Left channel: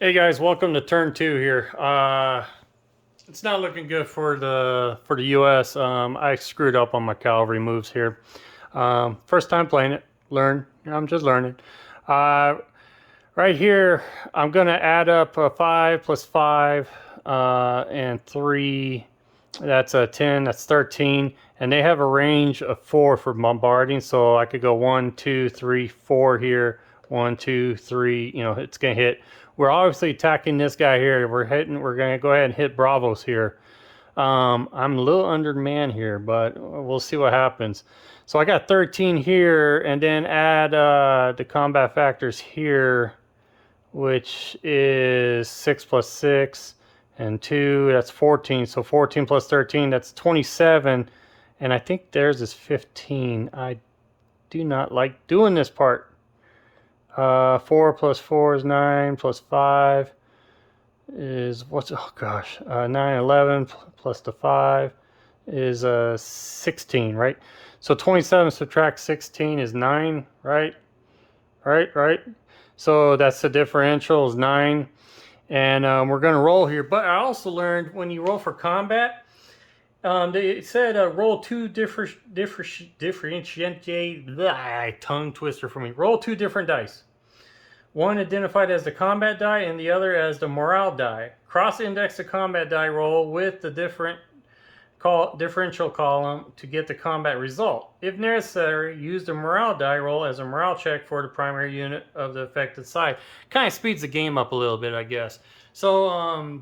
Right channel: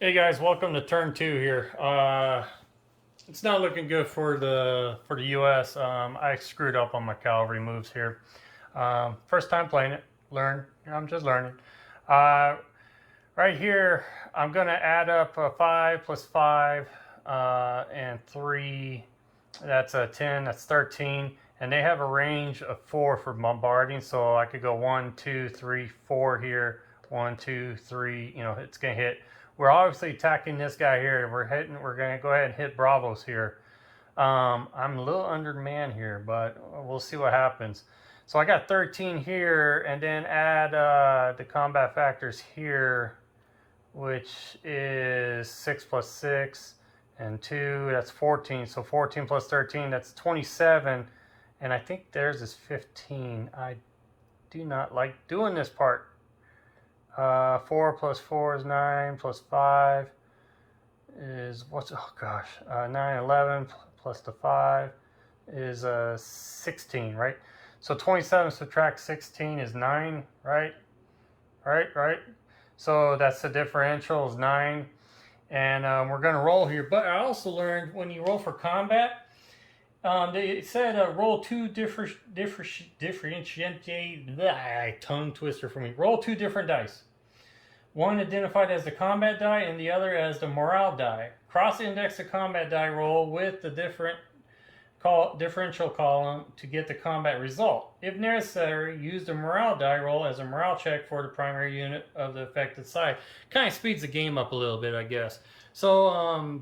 Hey guys, welcome to turn two here. It's not looking good for the U.S. I screwed up on my cavalry moves here. First time playing it. I'm just learning. Uh, right here, I'm gonna add up 5 plus 5 and 3. That's a 10. That's 13. And they have a range of 4 for bombarding, so I could go 1, 2, 3, 4 here. 1, 2, 3. You know, it's gonna hit. We're obviously attacking this guy here. We're hitting. We're gonna go ahead and hit Bravos here. I'm a little undermanned here, but we'll see what happens. So I got 13 here, and then add the combat factors here, which is 6 plus 6 and 2. That's 14. So 14 plus 13, that's 27. And I think theirs is 15. I do not like doing this part. 4 plus 4 is 9, plus 5 is, what's, oh gosh, 9, 11 plus the 5 is 16, right? So 27 subtract 16 is 9, right? Right. So that's the differential is 9. And we're going to roll here. But I also learned when you roll for combat, they said roll two differentiate, tongue twister for me. Roll 2 different dice. One identified as the combat die and the other as the morale die. Cross-index the combat die roll with the differential column to get the combat result. If necessary, use the morale die roll as a morale check for the primary unit of the affected side. Kind of speeds the game up a little bit, I guess. So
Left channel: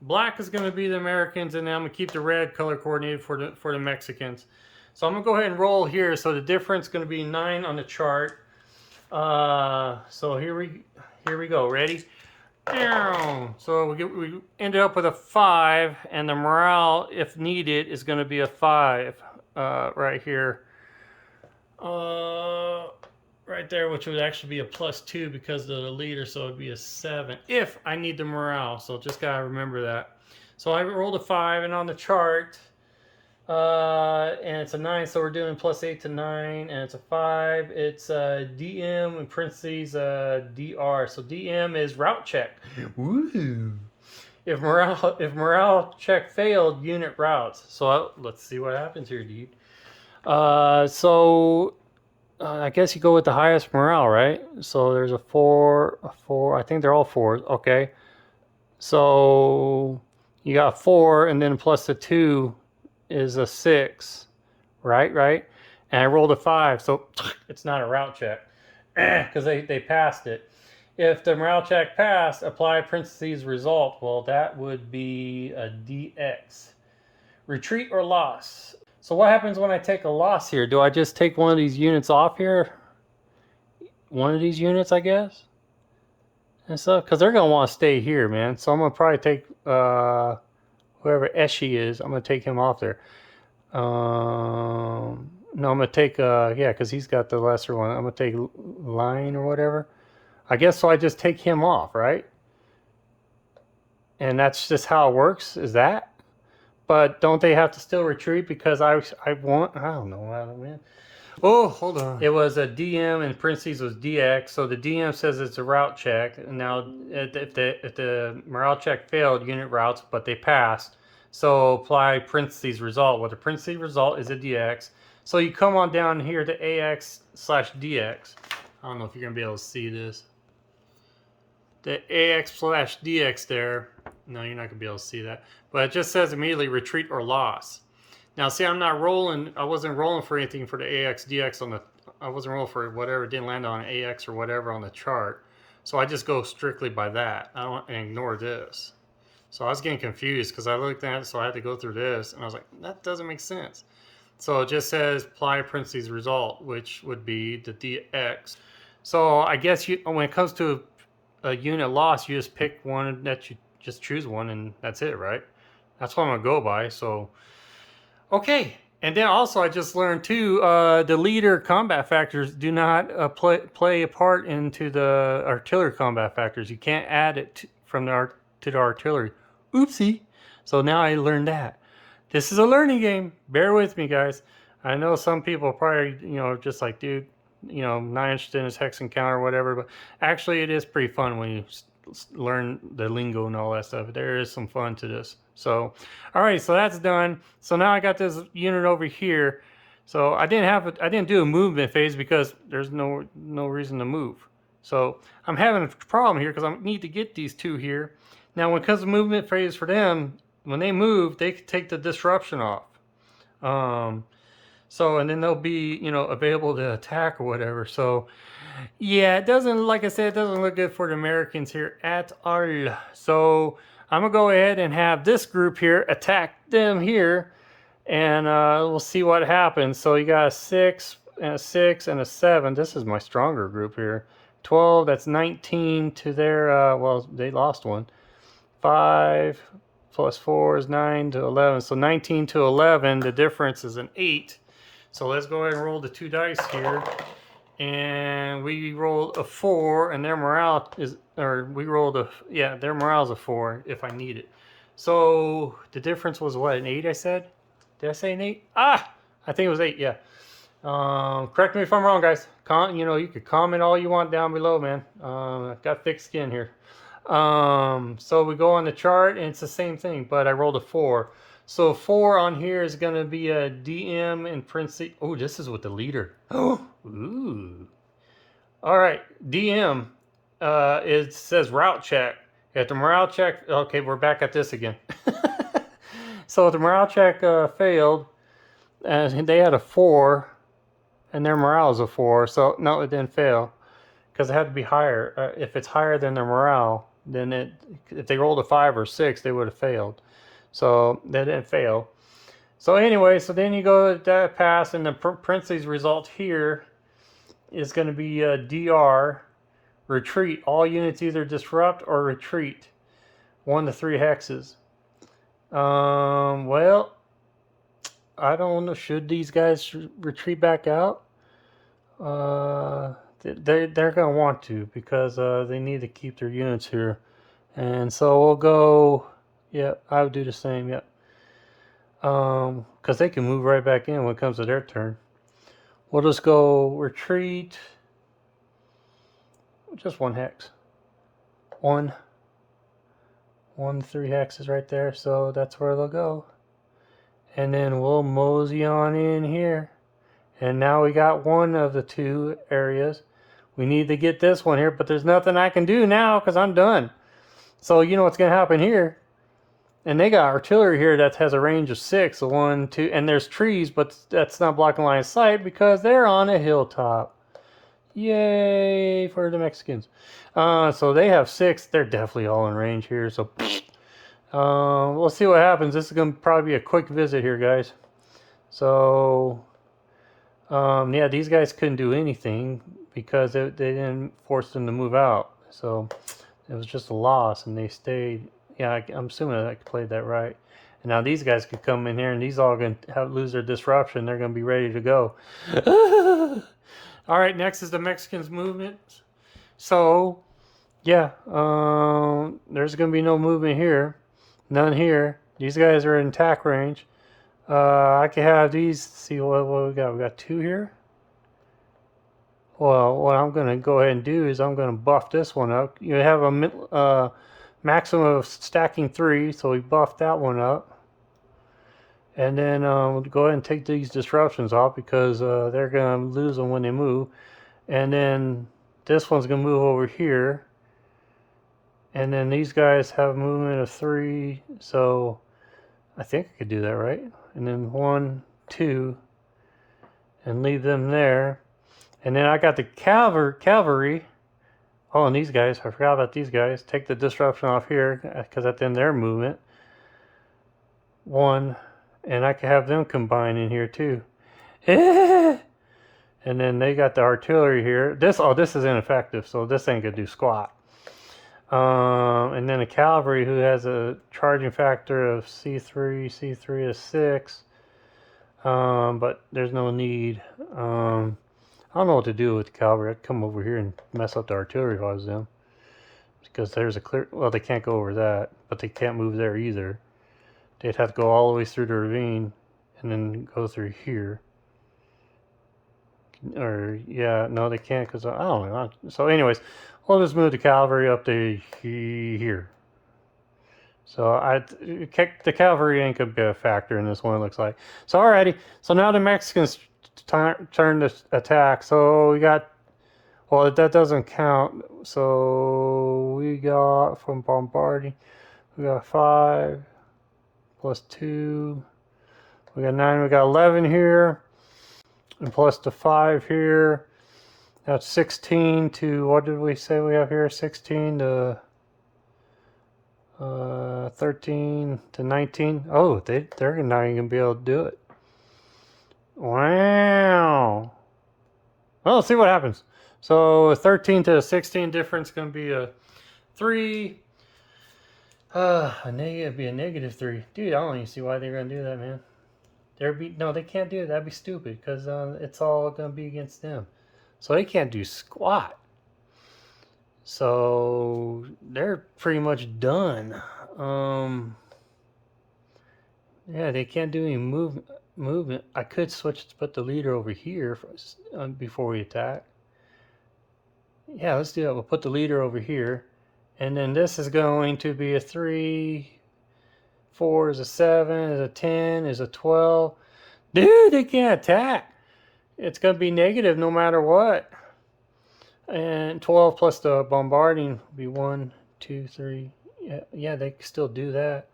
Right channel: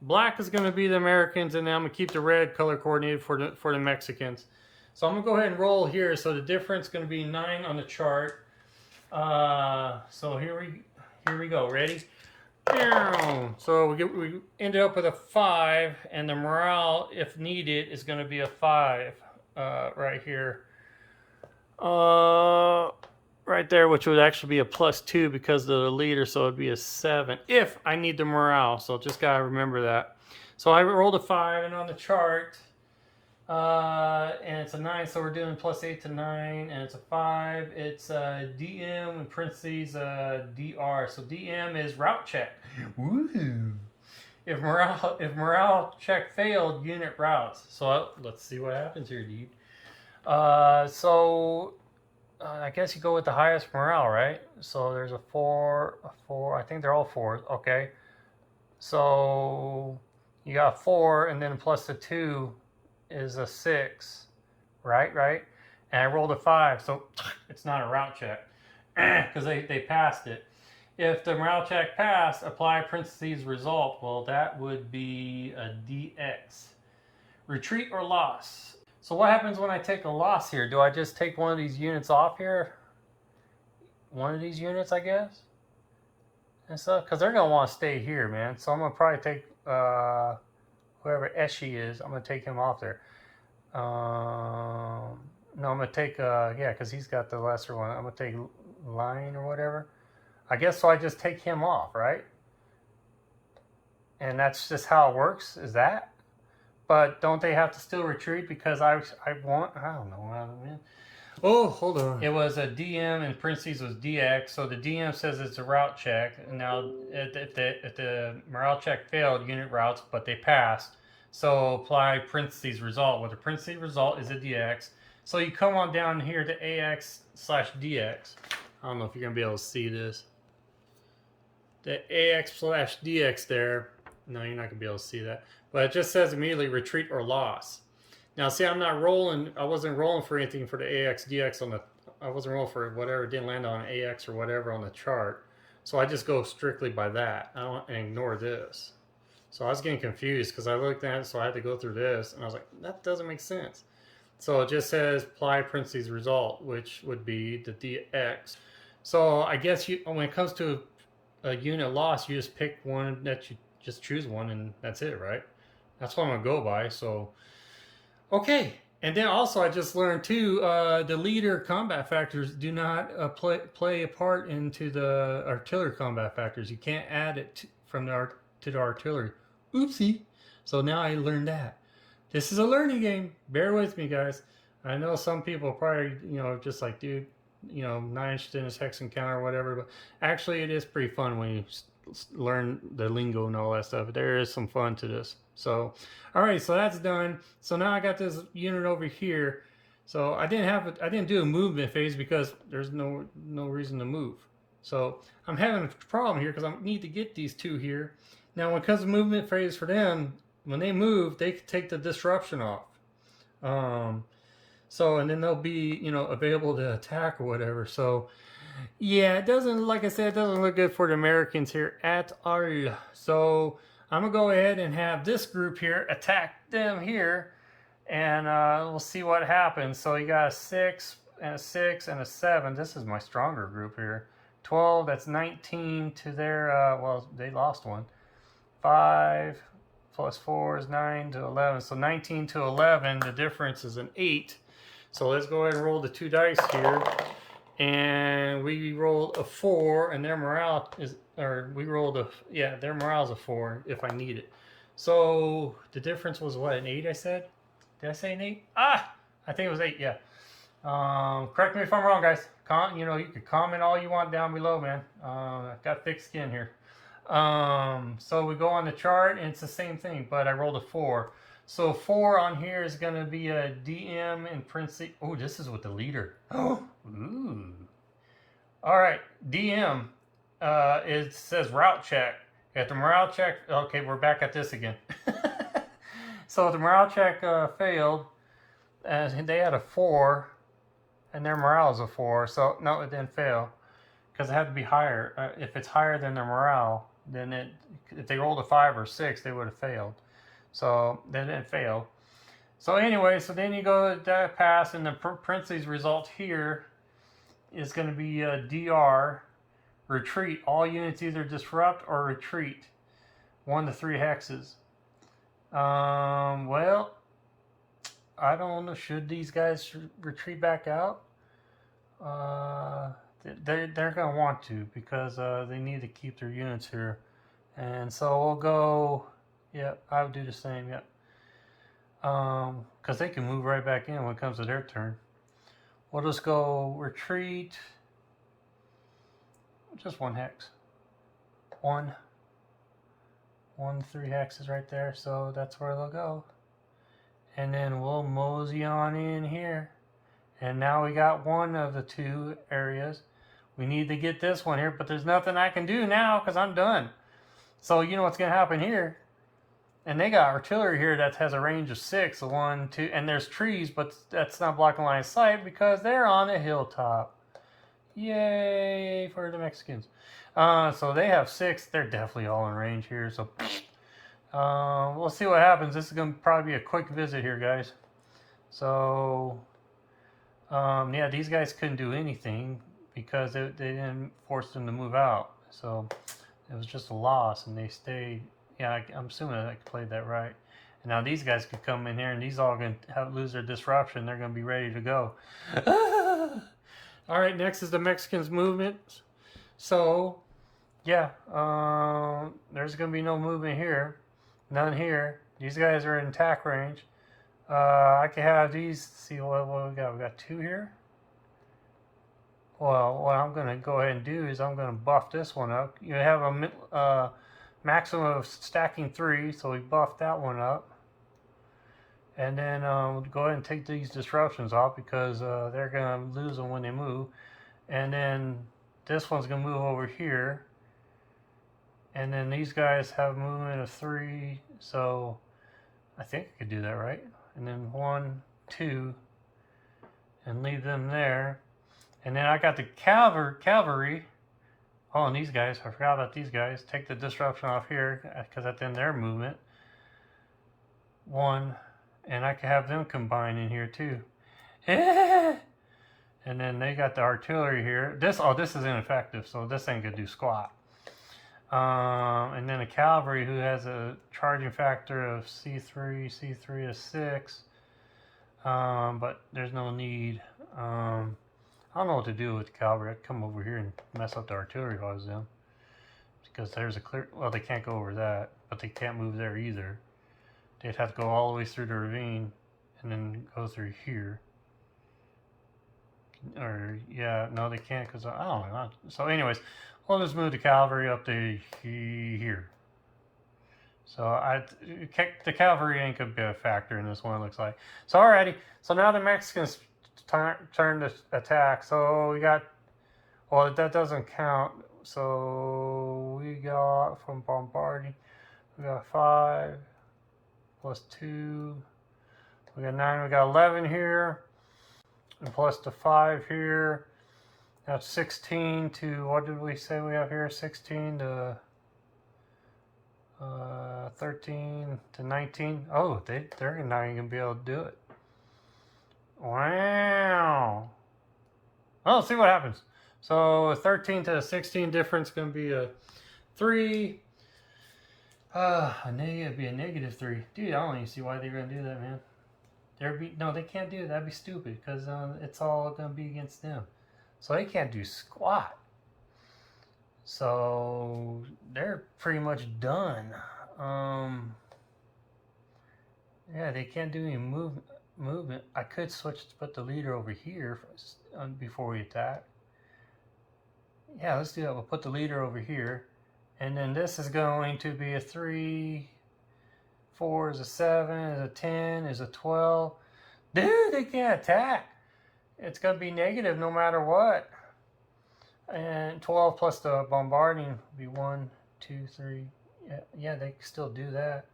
black is going to be the Americans, and then I'm going to keep the red color coordinated for the Mexicans. So I'm going to go ahead and roll here. So the difference is going to be 9 on the chart. So here we go. Ready? So we ended up with a 5, and the morale, if needed, is going to be a 5 right here. Right there, which would actually be a +2 because of the leader, so it'd be a 7 if I need the morale. So just gotta remember that. So I rolled a 5, and on the chart, and it's a 9, so we're doing +8 to 9, and it's a 5. It's DM in parentheses DR. So DM is route check. Woo! If morale check failed, unit routes. So let's see what happens here, dude. I guess you go with the highest morale, right? So there's a 4, a 4. I think they're all 4s. Okay. So you got 4, and then plus the 2 is a 6, right? And I rolled a 5, so it's not a route check because they passed it. If the morale check passed, apply parentheses result. Well, that would be a DX. Retreat or loss. So what happens when I take a loss here? Do I just take one of these units off here? One of these units, I guess? And so, because they're going to want to stay here, man. So I'm going to probably take whoever Eshi is. I'm going to take him off there. No, I'm going to take, yeah, because he's got the lesser one. I'm going to take Line or whatever. I guess so I just take him off, right? And that's just how it works, is that? But don't they have to still retreat because I want, I don't know, man. Oh, hold on. It was a DM and parentheses was DX. So the DM says it's a route check. And now if the morale check failed, unit routes, but they passed. So apply parentheses result. Well, the parentheses result is a DX. So you come on down here to AX/DX. I don't know if you're going to be able to see this. The AX/DX there. No, you're not going to be able to see that. But it just says immediately retreat or loss. Now, see, I'm not rolling. I wasn't rolling for anything for the AX/DX on the. I wasn't rolling for whatever. It didn't land on AX or whatever on the chart. So I just go strictly by that. I don't ignore this. So I was getting confused because I looked at it, so I had to go through this, and I was like, that doesn't make sense. So it just says apply parentheses result, which would be the DX. So I guess when it comes to a unit loss, you just pick one that you just choose one, and that's it, right? That's what I'm gonna go by. So, okay. And then also I just learned too, the leader combat factors do not play a part into the artillery combat factors. You can't add it to the artillery. Oopsie. So now I learned that. This is a learning game. Bear with me, guys. I know some people probably, just like, dude, not interested in this hex encounter or whatever, but actually it is pretty fun when you learn the lingo and all that stuff. There is some fun to this. So, all right, so that's done. So now I got this unit over here. So I didn't do a movement phase because there's no reason to move. So I'm having a problem here because I need to get these two here. Now when it comes to movement phase for them, when they move, they can take the disruption off. So and then they'll be, you know, available to attack or whatever. So yeah, it doesn't, like I said, it doesn't look good for the Americans here at all. So I'm gonna go ahead and have this group here attack them here, and we'll see what happens. So you got a 6 and a 6 and a 7. This is my stronger group here. 12, that's 19 to their, well, they lost one. 5 plus 4 is 9 to 11. So 19 to 11, the difference is an 8. So let's go ahead and roll the 2 dice here. And we rolled a 4, and their morale is, or we rolled a, yeah, their morale is a 4 if I need it. So the difference was what, an 8 I said? Did I say an 8? Ah, I think it was 8, yeah. Correct me if I'm wrong, guys. You know, you could comment all you want down below, man. I've got thick skin here. So we go on the chart, and it's the same thing, but I rolled a 4. So 4 on here is going to be a DM and Prince. Oh, this is with the leader. Oh, ooh. All right, DM. It says route check. At the morale check. Okay, we're back at this again. So the morale check failed, and they had a 4, and their morale is a 4. So no, it didn't fail because it had to be higher. If it's higher than their morale, then if they rolled a 5 or 6, they would have failed. So they didn't fail. So anyway, so then you go to that pass, and the parentheses result here is going to be DR, retreat. All units either disrupt or retreat. 1 to 3 hexes. Well, I don't know. Should these guys retreat back out? They're going to want to because they need to keep their units here. And so we'll go... Yeah, I would do the same, yeah. Because they can move right back in when it comes to their turn. We'll just go retreat. Just 1 hex. 1, 3 hexes right there. So that's where they'll go. And then we'll mosey on in here. And now we got 1 of the 2 areas. We need to get this one here, but there's nothing I can do now because I'm done. So you know what's going to happen here. And they got artillery here that has a range of 6, 1, 2, and there's trees, but that's not blocking line of sight because they're on a hilltop. Yay for the Mexicans. So they have 6. They're definitely all in range here. So we'll see what happens. This is going to probably be a quick visit here, guys. So yeah, these guys couldn't do anything because they didn't force them to move out. So it was just a loss, and they stayed. Yeah, I'm assuming I played that right. And now these guys could come in here, and these all going to lose their disruption. They're going to be ready to go. All right, next is the Mexicans' movement. So, yeah, there's going to be no movement here. None here. These guys are in attack range. I can have these. See what we got. We got 2 here. Well, what I'm going to go ahead and do is I'm going to buff this one up. You have a maximum of stacking 3, so we buffed that one up. And then we'll go ahead and take these disruptions off because they're going to lose them when they move. And then this one's going to move over here. And then these guys have movement of 3, so I think I could do that, right? And then 1, 2, and leave them there. And then I got the cavalry. Oh, and these guys, I forgot about these guys. Take the disruption off here because that's in their movement. 1, and I can have them combine in here too. And then they got the artillery here. This is ineffective, so this ain't gonna do squat. And then a cavalry who has a charging factor of C3 is 6. But there's no need. I don't know what to do with the cavalry. I'd come over here and mess up the artillery if I was them. Because there's a clear... Well, they can't go over that, but they can't move there either. They'd have to go all the way through the ravine and then go through here. Or, yeah, no, they can't because... I don't know. So anyways, we'll just move the cavalry up to here. So the cavalry ain't gonna be a factor in this one, it looks like. So alrighty, so now the Mexicans turn to attack. So we got, well, that doesn't count. So we got from bombarding, we got 5 plus 2. We got 9. We got 11 here, and plus the 5 here. That's 16 to, what did we say we have here? 16 to 13 to 19. Oh, they're not even gonna be able to do it. Wow. Well, let's see what happens. So 13 to 16 difference gonna be a 3. It'd be a -3. Dude, I don't even see why they're gonna do that, man. No, they can't do it. That'd be stupid because it's all gonna be against them. So they can't do squat. So they're pretty much done. Yeah, they can't do any movement. I could switch to put the leader over here before we attack. Yeah, let's do that. We'll put the leader over here. And then this is going to be a 3. 4 is a 7, is a 10, is a 12. Dude, they can't attack. It's going to be negative no matter what. And 12 plus the bombarding would be 1, 2, 3. Yeah, they can still do that.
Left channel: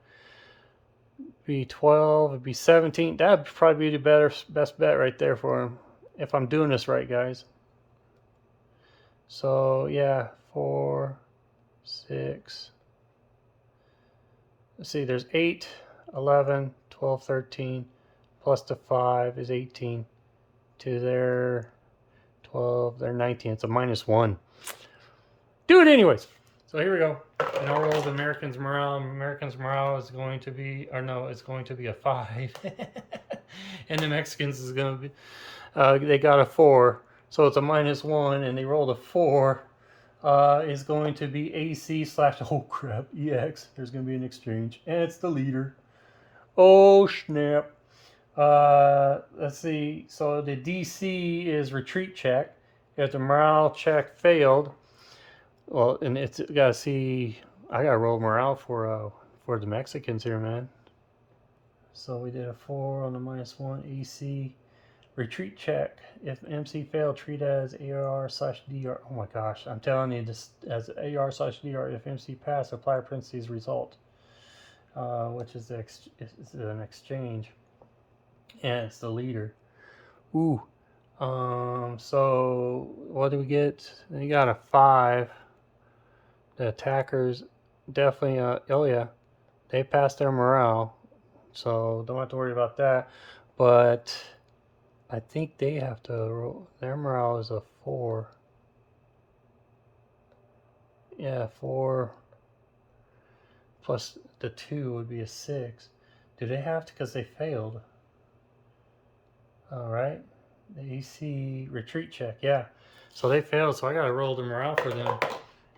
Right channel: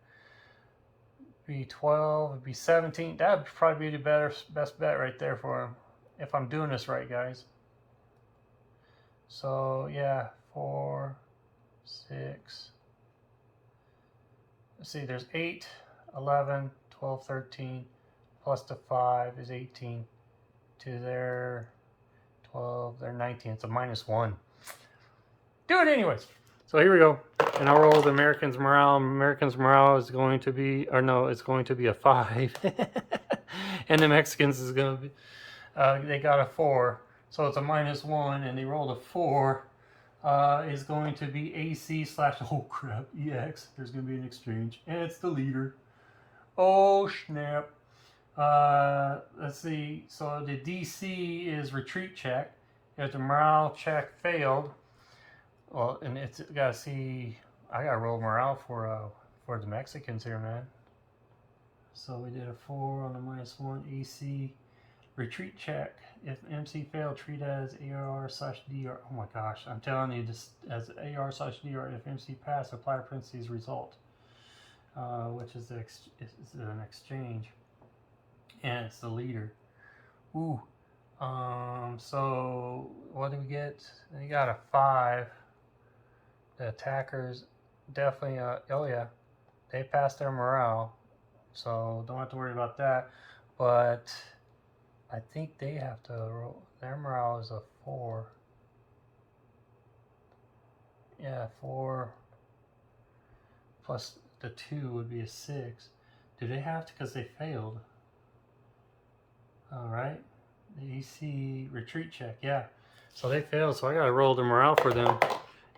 Be 12, it'd be 17. That would probably be the best bet right there for them, if I'm doing this right, guys. So yeah, 4, 6. Let's see, there's 8, 11, 12, 13, plus the 5 is 18. To their 12, they're 19. It's a -1. Do it anyways. So here we go. And I'll roll the Americans' morale. Americans' morale is going to be, or no, it's going to be a 5. And the Mexicans is going to be, they got a 4. So it's a -1, and they rolled a 4. Is going to be AC / oh crap, EX. There's going to be an exchange. And it's the leader. Oh snap. Let's see. So the DC is retreat check. If the morale check failed, well, and it's gotta see. I gotta roll morale for the Mexicans here, man. So we did a 4 on the -1 AC retreat check. If MC failed, treat as AR/DR. Oh my gosh, I'm telling you, this as AR/DR. If MC passed, apply parentheses result, which is an exchange. And it's the leader. Ooh. So what do we get? They got a 5. The attackers definitely, oh yeah, they passed their morale. So don't have to worry about that. But I think they have to roll. Their morale is a 4. Yeah, 4 plus the 2 would be a 6. Do they have to? Because they failed. All right, the AC retreat check, yeah. So they failed, so I gotta roll the morale for them,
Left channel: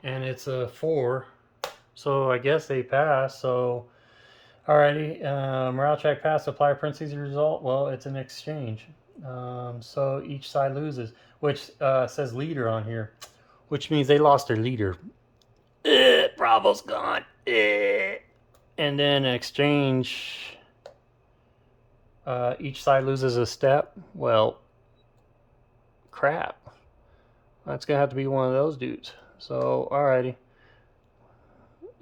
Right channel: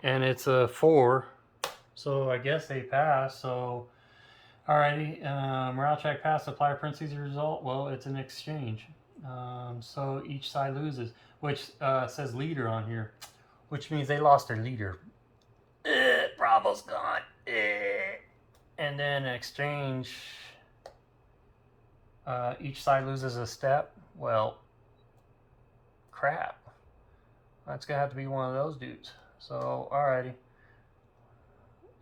and it's a 4. So I guess they passed. So, alrighty, morale check passed. Apply parentheses result. Well, it's an exchange. So each side loses, which says leader on here, which means they lost their leader. Bravo's gone. And then exchange. Each side loses a step. Well, crap. That's gonna have to be one of those dudes. So, alrighty.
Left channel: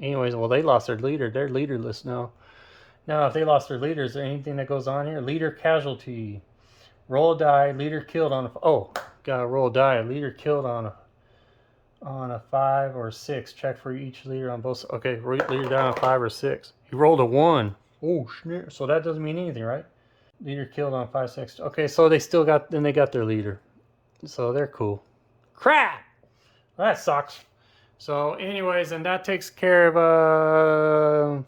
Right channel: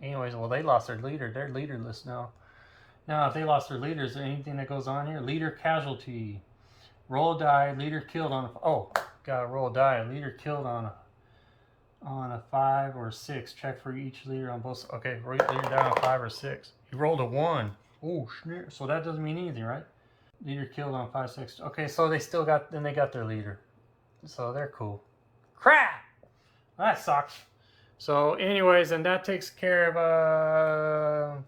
Anyways, well, they lost their leader. They're leaderless now. Now, if they lost their leader, is there anything that goes on here? Leader casualty. Roll a die. Leader killed on a. Oh, gotta roll a die. Leader killed on a 5 or 6. Check for each leader on both. Okay, leader down on 5 or 6. He rolled a 1. Oh, snap. So that doesn't mean anything, right? Leader killed on 5, 6. Okay, so they still got, then they got their leader. So they're cool. Crap! That sucks. So anyways, and that takes care of,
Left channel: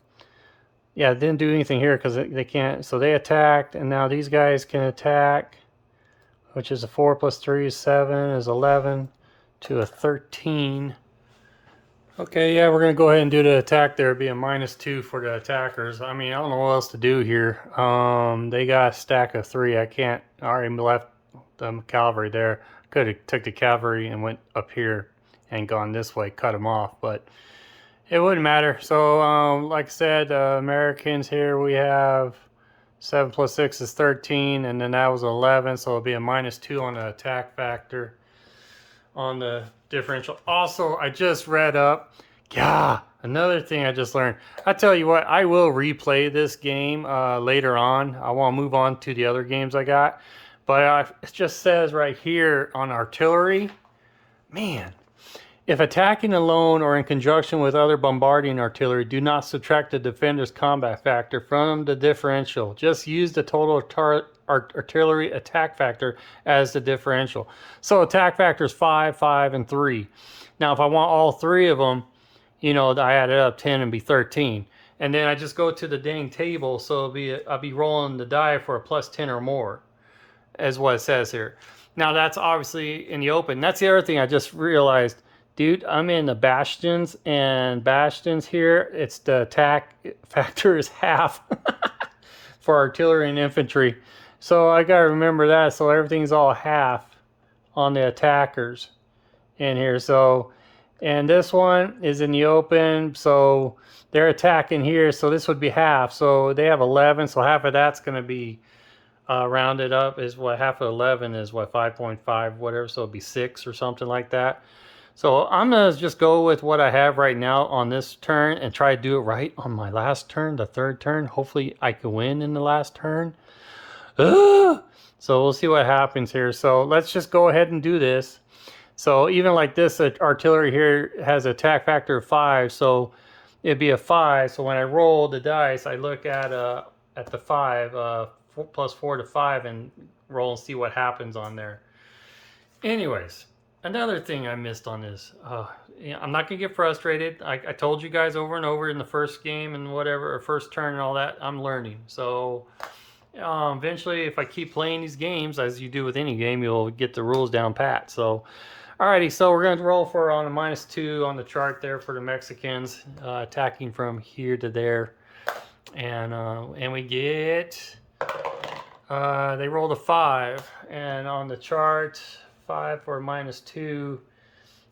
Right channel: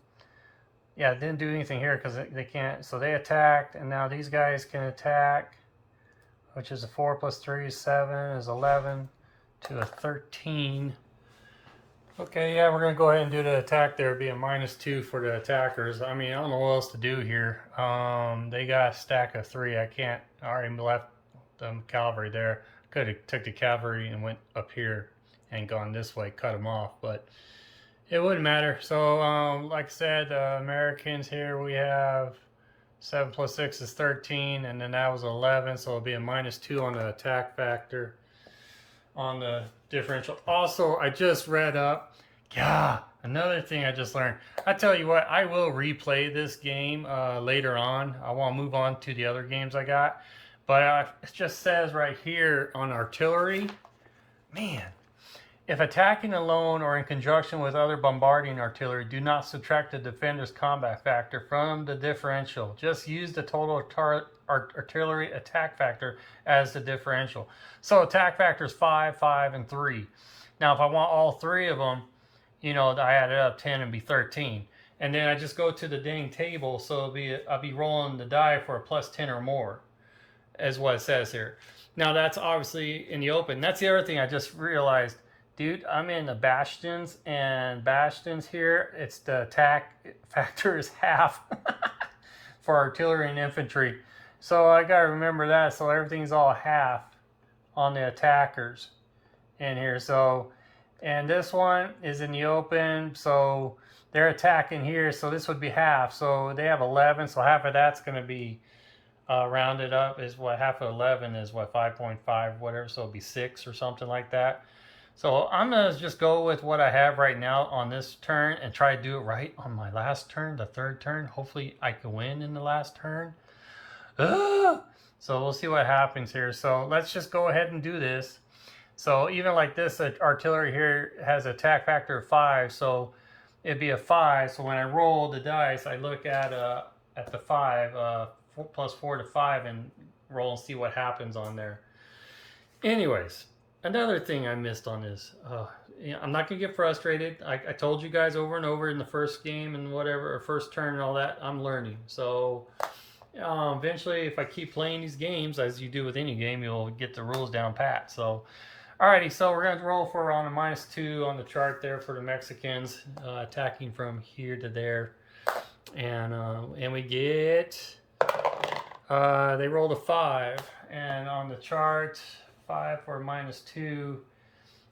yeah, didn't do anything here because they can't, so they attacked, and now these guys can attack, which is a 4 plus 3 is 7, is 11 to a 13. Okay, yeah, we're going to go ahead and do the attack there. It'd be a -2 for the attackers. I mean, I don't know what else to do here. They got a stack of 3. I already left the cavalry there. Could have took the cavalry and went up here and gone this way, cut them off, but it wouldn't matter. So like I said, Americans here, we have 7 plus 6 is 13, and then that was 11, so it'll be a -2 on the attack factor on the differential. Also, I just read up, yeah, another thing I just learned. I tell you what, I will replay this game later on. I want to move on to the other games I got, but it just says right here on artillery, man, if attacking alone or in conjunction with other bombarding artillery, do not subtract the defender's combat factor from the differential. Just use the total artillery attack factor as the differential. So attack factor is 5, 5, and 3. Now, if I want all 3 of them, you know, I add it up 10 and be 13. And then I just go to the dang table, so I'll be rolling the die for a +10 or more, as what it says here. Now, that's obviously in the open. That's the other thing I just realized. Dude, I'm in the bastions, and bastions here, it's the attack factor is half for artillery and infantry. So I gotta remember that. So everything's all half on the attackers in here. So, and this one is in the open, so they're attacking here. So this would be half. So they have 11. So half of that's gonna be rounded up is what half of 11 is what 5.5 whatever. So it'd be 6 or something like that. So I'm going to just go with what I have right now on this turn and try to do it right on my last turn, the 3rd turn. Hopefully I can win in the last turn. So we'll see what happens here. So let's just go ahead and do this. So even like this artillery here has an attack factor of 5. So it'd be a 5. So when I roll the dice, I look at the 5, 4 plus 4 to 5, and roll and see what happens on there. Anyways. Another thing I missed on this, I'm not going to get frustrated. I told you guys over and over in the first game and whatever, or first turn and all that, I'm learning. So eventually, if I keep playing these games, as you do with any game, you'll get the rules down pat. So, alrighty, so we're going to roll for on a -2 on the chart there for the Mexicans, attacking from here to there. And we get, they rolled a 5, and on the chart, 5 for -2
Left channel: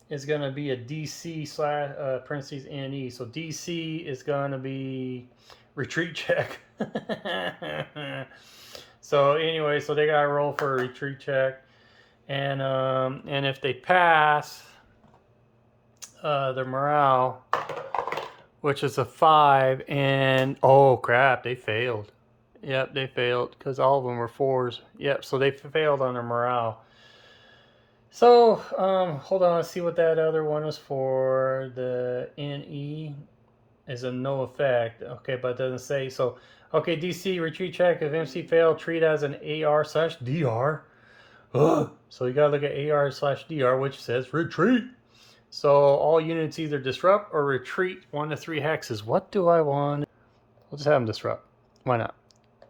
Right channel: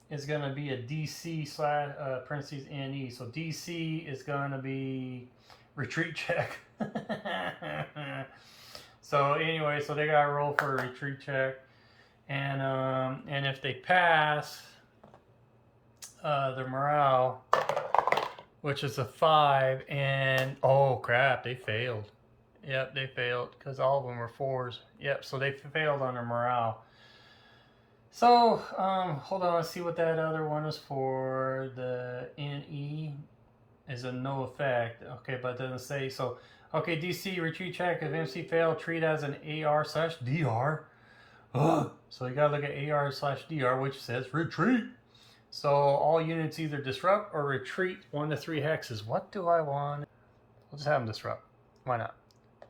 is going to be a DC slash parentheses NE. So DC is going to be retreat check. So anyway, so they got to roll for a retreat check, and if they pass, their morale, which is a 5, and oh crap, they failed. Yep, they failed because all of them were 4s. Yep, so they failed on their morale. So, hold on, let's see what that other one is for. The NE is a no effect. Okay, but it doesn't say. So, okay, DC, retreat check. If MC failed, treat as an AR/DR. Ugh. So you gotta look at AR/DR, which says retreat. So all units either disrupt or retreat 1 to 3 hexes. What do I want? We'll just have them disrupt. Why not?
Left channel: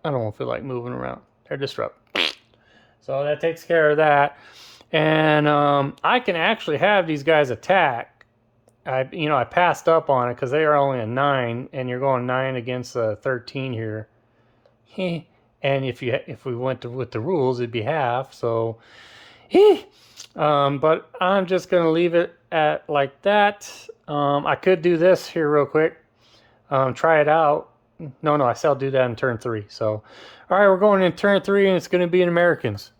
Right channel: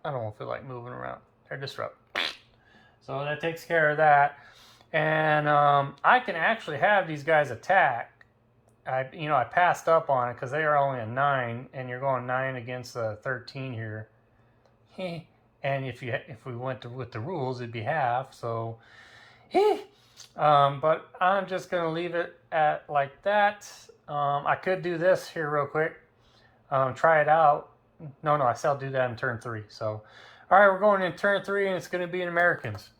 I don't feel like moving around. They're disrupt. So that takes care of that. And I can actually have these guys attack. I passed up on it because they are only a 9, and you're going 9 against a 13 here. And if we went with the rules, it'd be half. So, but I'm just gonna leave it at like that. I could do this here real quick. Try it out. No, I still do that in turn 3. So, all right, we're going in turn 3, and it's gonna be in Americans.